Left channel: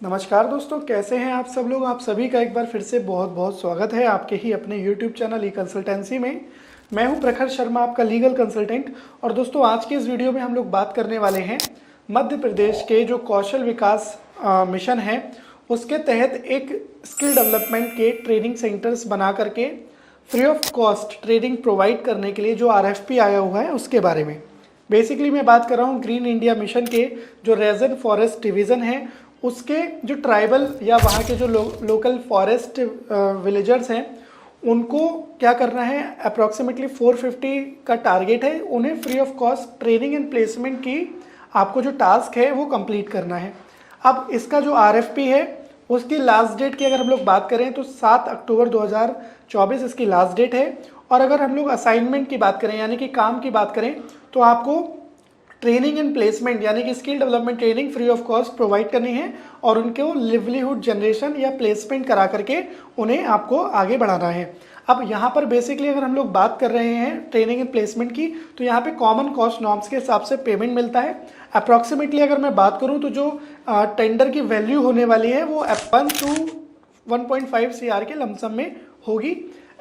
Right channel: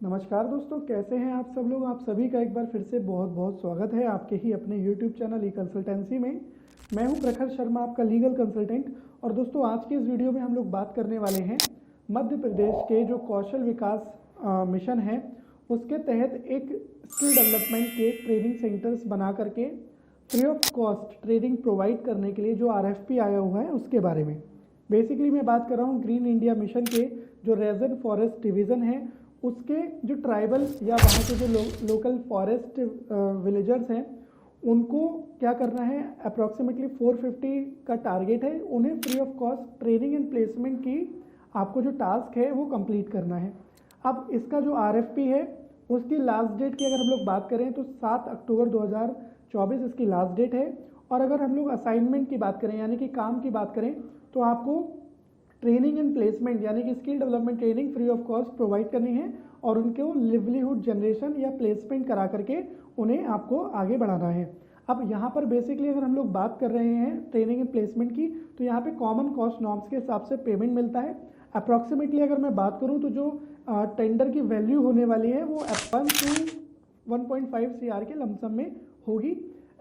नमस्कार दोस्तों, कैसे हैं आप सब लोग। आप सभी का एक बार फिर से बहुत बहुत स्वागत है आपके ही अपने YouTube चैनल ई कंसल्टेंसी में। मैं हूं प्रखर शर्मा, आपका लीगल कंसल्टेंट। और दोस्तों, आज की इस वीडियो में हम लोग बात करने वाले हैं मध्य प्रदेश के जो कौशल विकास मिशन है उसके तहत एक स्किल डेवलपमेंट के ट्रेनिंग सेंटर्स बना करके free of cost training provide करने के लिए जो RFP आया हुआ है उसके बारे में। बेसिकली मैं बात कर रहा हूँ ग्रीन इंडिया मिशन के जो रेजन फॉरेस्ट डिवीज़न है उसके जो ट्राइबल या वहाँ के जो लोकल फॉरेस्ट विलेजर्स हैं उनको क्या करना है। अप्रॉक्सीमेटली 450 का टारगेट है, उन्हें free of cost training and placement की आपको जो टास्क है वो कंप्लीट करना है। अब इसका जो RFP है उसकी लास्ट डेट की अगर हम लोग बात करें तो 7 अक्टूबर 2024 इसकी लास्ट डेट है। और अगर हम लोग असाइनमेंट की बात करें यानी कि काम की बात करें तो आपको ट्रेनिंग एंड प्लेसमेंट यानी कि skill development training free of cost provide करनी है और उनको लिवलीहुड जनरेशन या प्लेसमेंट करा करके उन्हें आपको आगे बढ़ाना है। अब यहाँ पर बेसिकली अगर हम लोग बात कर रहे हैं ट्रेनिंग एंड प्लेसमेंट की तो यहाँ पे कॉमन कॉस्ट नॉर्म्स के हिसाब से पेमेंट मिलता है। अप्रॉक्सीमेटली अगर मैं बात करूँ तो जो टेंडर की वैल्यू होने वाली है वो 1 to 1.5 CR के लमसम में होगी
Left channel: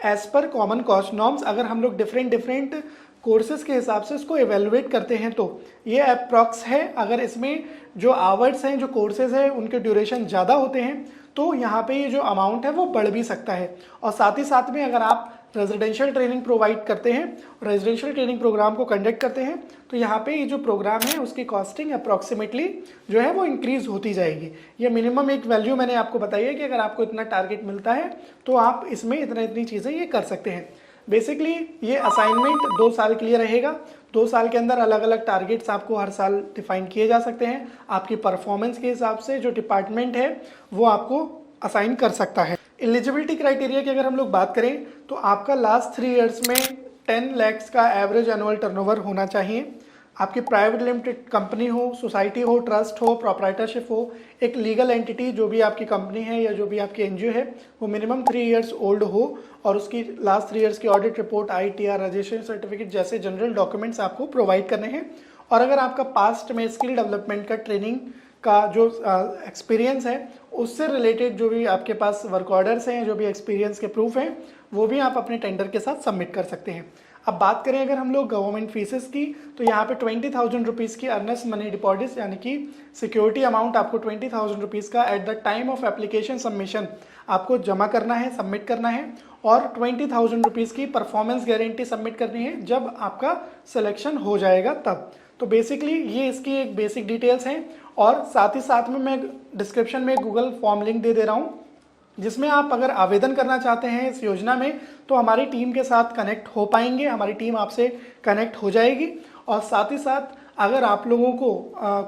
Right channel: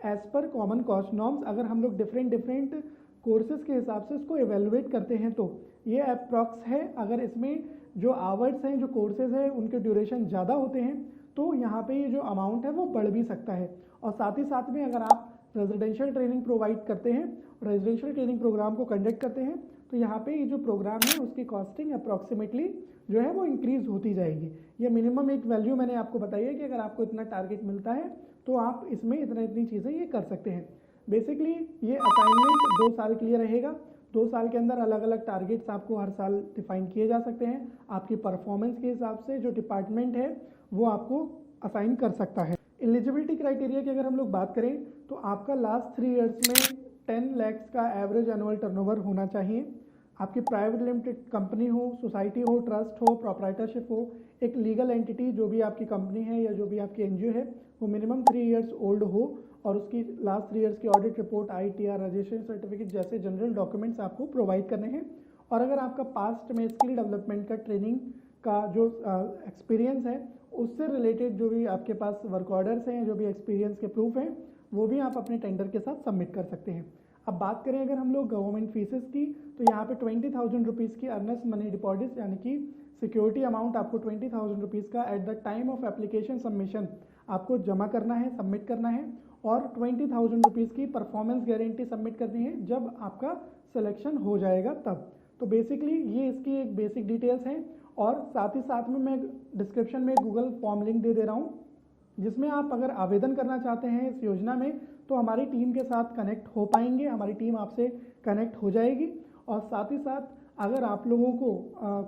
as per common cost norms. अगर हम लोग डिफरेंट कोर्सेज के हिसाब से इसको एवेलुएट करते हैं तो ये अप्रॉक्स है। अगर इसमें जो आवर्स हैं, जो कोर्सेज हैं, उनके ड्यूरेशन ज़्यादा होते हैं तो यहाँ पे ये जो अमाउंट है वो बढ़ भी सकता है। और साथ ही साथ में अगर आप रेजिडेंशियल ट्रेनिंग प्रोवाइड करते हैं, रेजिडेंशियल ट्रेनिंग प्रोग्राम को कंडक्ट करते हैं तो यहाँ पे ये जो प्रोग्राम है उसकी कॉस्टिंग अप्रॉक्सीमेटली जो है वो इंक्रीज होती जाएगी। ये मिनिमम एक वैल्यू मैंने आपको बताई है कि अगर आपको इतना टारगेट मिलता है तो आप इसमें इतनी चीज़ें ये कर सकते हैं। बेसिकली ये असाइनमेंट 2 साल के लिए रहेगा। 2 साल के अंदर अलग अलग टारगेट्स आपको हर साल डिफाइन किए जा सकते हैं। आपकी परफॉर्मेंस के हिसाब से जो डिपार्टमेंट है वो आपको असाइन कर सकता है। एलिजिबिलिटी क्राइटेरिया की अगर हम लोग बात करें तो आपका लास्ट 3 ईयर्स में 10 लाख का एवरेज एनुअल टर्नओवर होना चाहिए। आपकी प्राइवेट लिमिटेड कंपनी हो, सोसाइटी हो, ट्रस्ट हो, प्रोप्राइटरशिप हो, एक लीगल एंटिटी जो भी आपकी कंपनी है या जो भी आपकी NGO है वो मिनिमम 3 ईयर्स ओल्ड हो और उसकी लास्ट 3 ईयर्स की audit report, ITR, registration certificate जैसे जनरल डॉक्यूमेंट्स आपको प्रोवाइड करने हैं। और अगर आपका पास्ट में स्किल डेवलपमेंट का ट्रेनिंग का जो एक्सपीरियंस है उससे रिलेटेड जो भी आपके पास वर्क ऑर्डर्स हैं, जो भी एक्सपीरियंस के प्रूफ हैं, वो भी आप अपने टेंडर के साथ सबमिट कर सकते हैं। अब बात करें अगर हम लोग गवर्नमेंट फीसेस की तो यहाँ पे 20,000 रुपीज़ की अर्नेस्ट मनी डिपॉजिट यानी कि सिक्योरिटी अमाउंट आपको 20,000 रुपीज़ का at the time of application submission आपको जमा करना है, सबमिट करना है। और 20,000 रुपीज़ की परफॉर्मेंस गारंटी सबमिट करनी है जब आपका सिलेक्शन हो जाएगा तब। तो बेसिकली ये इसकी एक बेसिक डिटेल्स हैं। और साथ ही साथ में मैं डिस्क्रिप्शन में गूगल फॉर्म लिंक दे दे रहा हूँ जिसमें आप अगर आवेदन करना चाहते हैं इस योजना में तो हमारी टीम के साथ कनेक्ट हो पाएंगे, हमारी टीम आपसे कनेक्ट हो जाएगी। और साथ ही साथ अगर आप लोगों को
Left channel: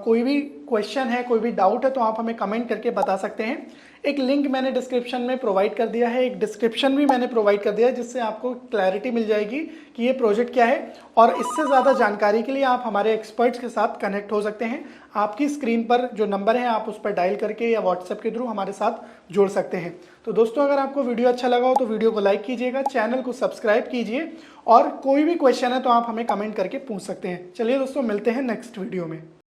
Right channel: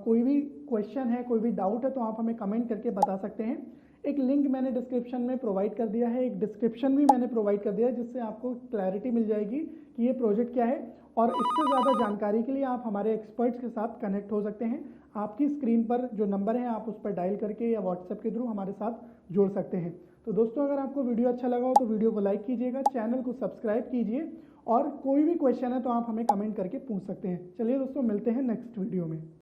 कोई भी क्वेश्चन है, कोई भी डाउट है तो आप हमें कमेंट करके बता सकते हैं। एक लिंक मैंने डिस्क्रिप्शन में प्रोवाइड कर दिया है, एक डिस्क्रिप्शन भी मैंने प्रोवाइड कर दिया है जिससे आपको क्लैरिटी मिल जाएगी कि ये प्रोजेक्ट क्या है। और इससे ज़्यादा जानकारी के लिए आप हमारे एक्सपर्ट्स के साथ कनेक्ट हो सकते हैं। आपकी स्क्रीन पर जो नंबर है आप उस पर डायल करके या व्हाट्सएप के थ्रू हमारे साथ जुड़ सकते हैं। तो दोस्तों, अगर आपको वीडियो अच्छा लगा हो तो वीडियो को लाइक कीजिएगा, चैनल को सब्सक्राइब कीजिए और कोई भी क्वेश्चन है तो आप हमें कमेंट करके पूछ सकते हैं। चलिए दोस्तों, मिलते हैं नेक्स्ट वीडियो में।